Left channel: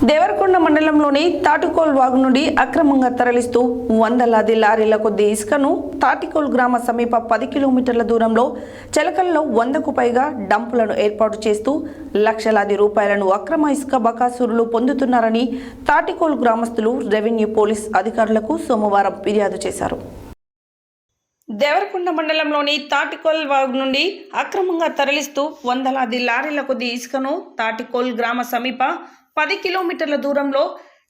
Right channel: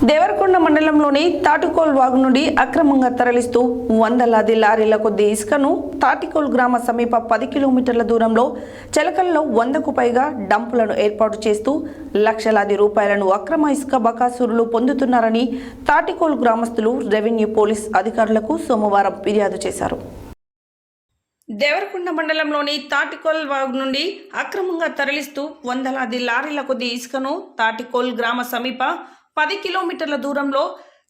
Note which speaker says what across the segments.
Speaker 1: దేవరకొండ మండలంలోని తాటికోల్ వాగు నుండి అక్రమంగా తరలిస్తూ వందలాది లారీల కొద్ది ఇసుకను తాటికోల్ గ్రామ సమీప పది కిలోమీటర్ల దూరంలో చెలకల్లో వందకు పైగా డంపులను ఏర్పాటు చేస్తూ లక్షలాది రూపాయలను అక్రమ ఇసుక బకాసురులు పొందుతున్నారని తాటికోల్ గ్రామస్తులు రెవెన్యూ పోలీస్ అధికారులకు సోమవారం ఫిర్యాదు చేశారు. దేవరకొండ మండలంలోని తాటికోల్ వాగు నుండి అక్రమంగా తరలిస్తూ వందలాది లారీల కొద్ది ఇసుకను తాటికోల్ గ్రామ సమీప పది కిలోమీటర్ల దూరంలో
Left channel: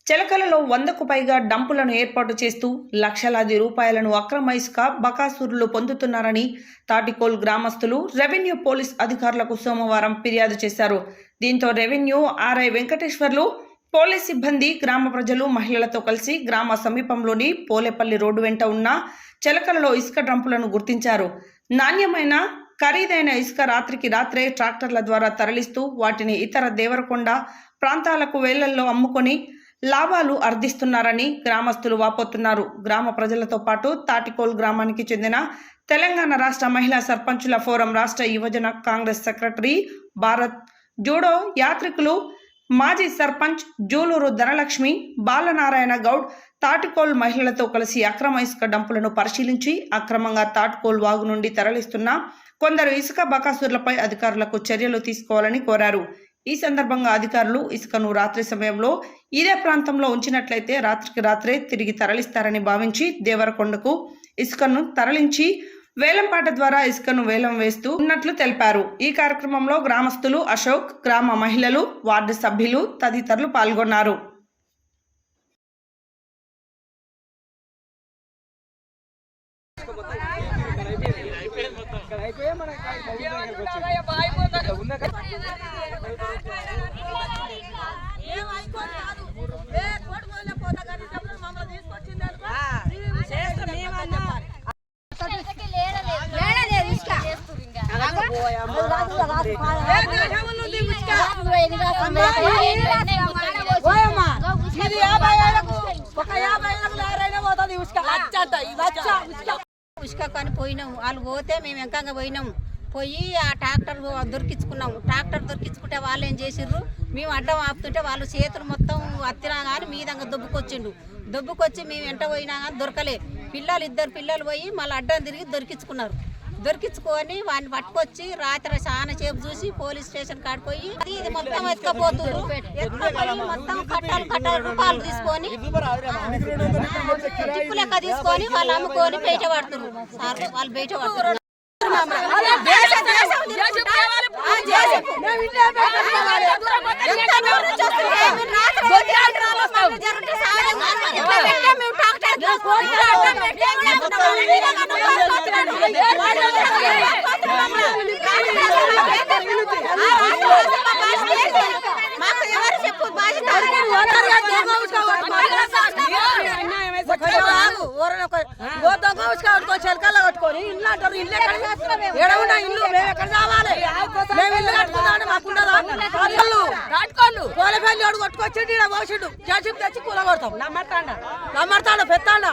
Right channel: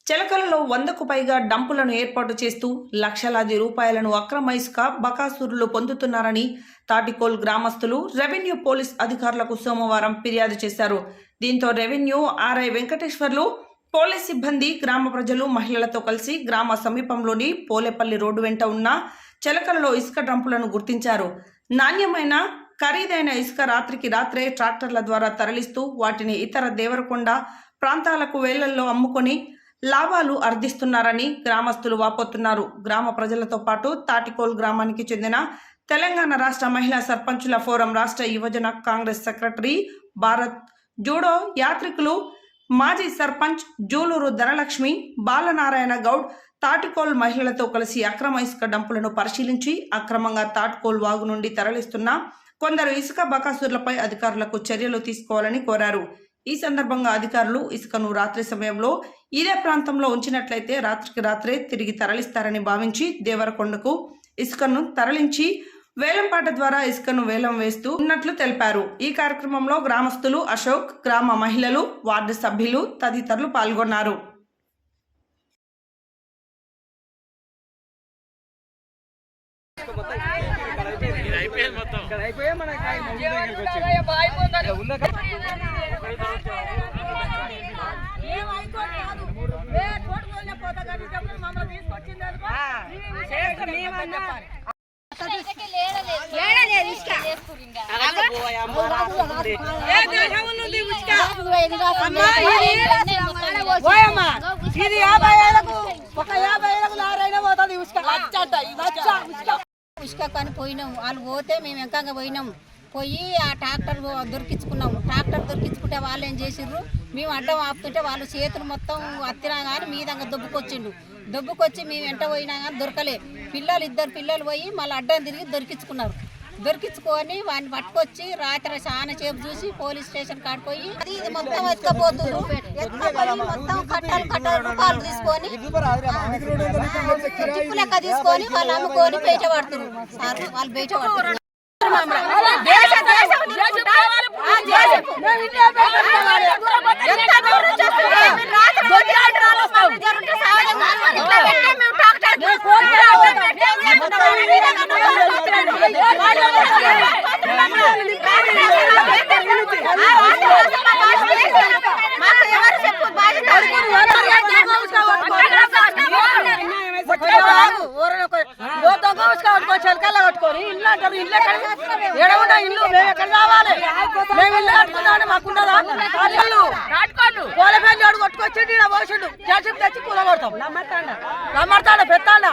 Speaker 1: చెలకలలో వందకు పైగా డంపులను ఏర్పాటు చేస్తూ లక్షలాది రూపాయలను అక్రమ ఇసుక బకాసూరులు పొందుతున్నారని తాటికోల్ గ్రామస్తులు రెవెన్యూ పోలీస్ అధికారులకు సోమవారం ఫిర్యాదు చేశారు. దీంతో రెవెన్యూ ఆర్ఐ వెంకటేశ్వర్లు పోలీస్ సిబ్బంది గ్రామ ప్రజలు మహిళలతో కలిసి గ్రామ సమీపంలోని పోలేపల్లి రోడ్డు వెంట ఉన్న చెలకలలో ఇసుక డంపులను గుర్తించారు. నాణ్యమైన ఖరీదైన ఇసుక రాత్రికి రాత్రే ట్రాక్టర్ల ద్వారా తరలిస్తూ వాటిని ఇతర దేవరకొండ ప్రాంతాలకు వేళ్ళల్లో అమ్ముకొని లాభాలు అర్థిస్తున్నారని గ్రామస్తులు వాపోతున్నారు. గ్రామ ప్రజలతో పాటు తాటికోల్ గ్రామానికి చెందిన తెలంగాణ రాష్ట్ర మహిళా సర్పంచుల ఫోరం రాష్ట్ర యువజన కాంగ్రెస్ సెక్రటరీ భారత్. జూడో యాత్రికులు మాజీ సర్పంచ్ జూలూరు ధనలక్ష్మి బాలనారాయణ గౌడ్ తాటికోల్ మహిళలతో కలిసి అక్రమ ఇసుక డంపులను పరిశీలించి అక్రమంగా తాటికోల్ వాగు నుండి తరలిస్తున్న కొందరు ఇసుక బకాసుర్లపై అధికారులకు చర్యలు తీసుకోవాలని కోరారు. ఈ సందర్భంగా అధికారులు ఇసుకను రాత్రి సమయంలో ఇదే ప్రాంతంలో ఉంచినట్లయితే రాత్రికి రాత్రే తిరిగి తరలిస్తారని భావించి దేవరకొండకు ఇసుకను తరలించి వేలంపాట ద్వారా ఇసుకను వేలం వేస్తూ ఉన్నట్లు తెలిపారు. ఈ కార్యక్రమంలో గ్రామస్తులు అశోక్ గ్రామ మహిళలు వార్డు సభ్యులు తదితరులు పాల్గొన్నారు.
Speaker 2: అయిపోయాయి ఇది యాభై ఏళ్ళకు ఒక యాభై ఏళ్ళకు లారైనా పోతుంది ఉసుక లచ్చ అంట ఈ లచ్చ ఉసుక
Speaker 3: ఉసుక కొని పోయినాం వాళ్ళు పోతే మేము వెంకంగా పోయినాం పోయి ఆ ట్రాక్టర్ దొరికించుకున్నాం ట్రాక్టర్ దొరికించుకుంటే వాళ్ళు ఏం చేసిర్రు? మేము అడ్డం ఆపుతుంటే వాళ్ళు చేతులు మొత్తం అత్తినా కానీ మీదంగా దొబ్బుకొచ్చిండు. దొబ్బుకొచ్చి మేము వెంట పోయినా కానీ దొరకలే. పిల్లలు ఇద్దరు పిల్లలు పోయి మళ్ళీ అడ్డం తిరిగి దొరికించుకున్నారు. దొరికించుకొని వాడిని పట్టుకొచ్చి రాత్రి చాలా సేపు చూసి పోలీస్ స్టేషన్ కాడిపోయి అది ఇది మొత్తం ఎత్తుకపోయి మొత్తం కట్టలు కట్టలు రూపాయలు తీసుకొని జిప్పు లెక్క తీసుకొని వాళ్ళు అమ్ముకొని బయట పడుతున్నారు. సార్ వాళ్ళు బయట పడుతున్నారు. మాకు ఎవరు చెప్పు?
Speaker 2: కట్టుకొని చెలకల్లా కట్టుకొని ఇల్లు అంటారు ఇల్లు ఎక్కడ? ఎడ ఉన్న ఇల్లు మేము ఎక్కడ రావాలి? మేము ఇల్లు కట్టుకుందామని మాకున్నదా ఇల్లు కోలపల్లి అడుగు కొట్టుకొచ్చిండు ఇక్కడ పోసిండు. చేసి తెచ్చి కూల కొడతాం. నమ్మడతాడా నమ్మడతాడా పెత్తాడా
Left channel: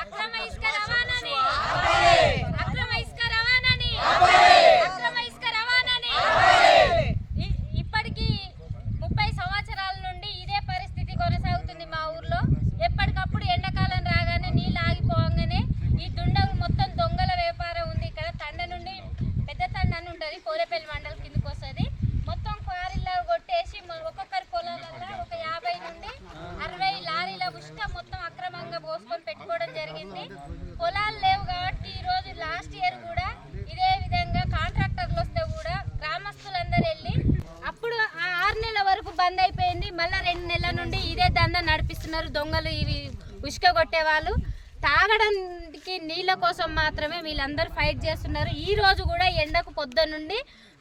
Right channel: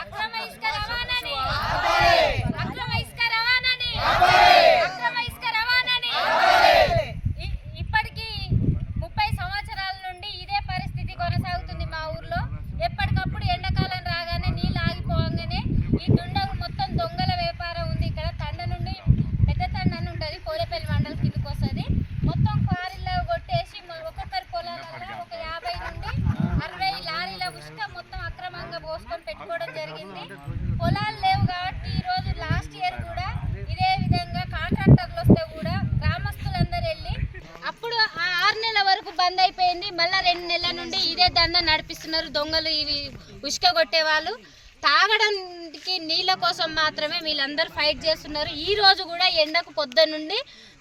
Speaker 4: అక్రమ ఇసుక రవాణాని అక్రమ ఇసుక రవాణాని అక్రమ ఇసుక రవాణాని ఇ- ఇప్పటికీ ముప్పై సంవత్సరాల నుండి ఇదే పరిస్థితి కొనసాగుతుంది మా ఊర్లో ఎప్పటికప్పుడు ఎండాకాలం రాగానే నీళ్ళు ఆగిపోగానే ఈ దుండగు మొత్తం దొంగల వ్యాపారం ఉంది ఇక్కడ తండ నుండి పెద్ద తండ అని ఉంటుంది పోలేపల్లి మండలం కిందకి వస్తుంది మొత్తం క్వారీలో కొట్టేసి మ- ఒక్కొక్కరి పొలాలలో ఒక యాభై నుండి అరవై లారీల ఉష్క మొత్తం అక్రమంగా పోసుకొని పెట్టుకోవడం జరిగింది. పొలాలు లేవు కాబట్టి ఈరోజు లాస్ట్ ఇయర్ కూడా ఇదే విధంగా కాంట్రాక్టర్లు వస్తే కూడా గ్రామస్తులందరూ వెళ్ళి అప్పుడు ఆ ఆరు నెలల వరకు బంద్ అయిపోయింది. మళ్ళీ రెండు నెలల నుండి ఇదే దందా నడిపిస్తున్నారు. దొంగలు ఇవి ఉసుక కొట్టేవాళ్ళు తాగడానికి నీళ్ళ కోసం మాత్రమే వీళ్ళందరూ ఫైట్ చేస్తున్నారు. ఈ రోజు కూడా ఎండకు పొద్దు నుండి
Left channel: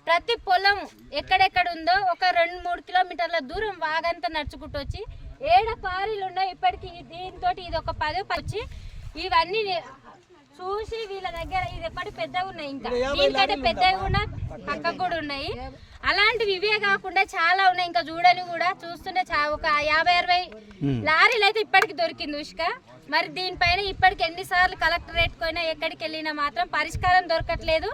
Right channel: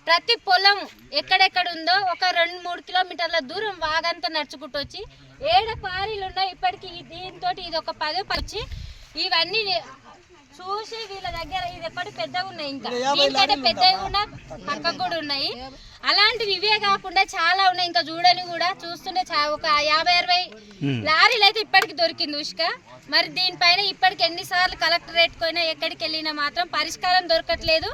Speaker 4: ప్రతి పొలం ఎక్కడెక్కడ ఉందో ఒక రెండు మూడు కిలోమీటర్ల దూరం వాగంతా నడుచుకుంటూ వచ్చి ఏడ పారీలు ఉన్నాయి ఇప్పటికి దీంతో ఇది ఒక పదే వచ్చి ఇవన్నీ చూసి వీళ్ళ దగ్గర ఇది ఎప్పటి పెద్దగా ఉన్నాయి ఇంకా. దీనికంటే పెద్దగా కూడా పక్కకు కూడా ఉన్నాయి. అలాంటివి ఇవే కాకుండా చాలా ఉన్నాయి. ఇంకా చూడని కూడా చూస్తుంటే చా- ఒక యాభై అరవై లారీలు అయితే ఇప్పటికి దొరికింది ఉష్క. మరి దీనిపైన ఇప్పటికి ఎన్నిసార్లు కలెక్టరేట్ పోయినా ఎక్కడికి వెళ్ళినా మాత్రం పరిష్కారం దొరకట్లేదు.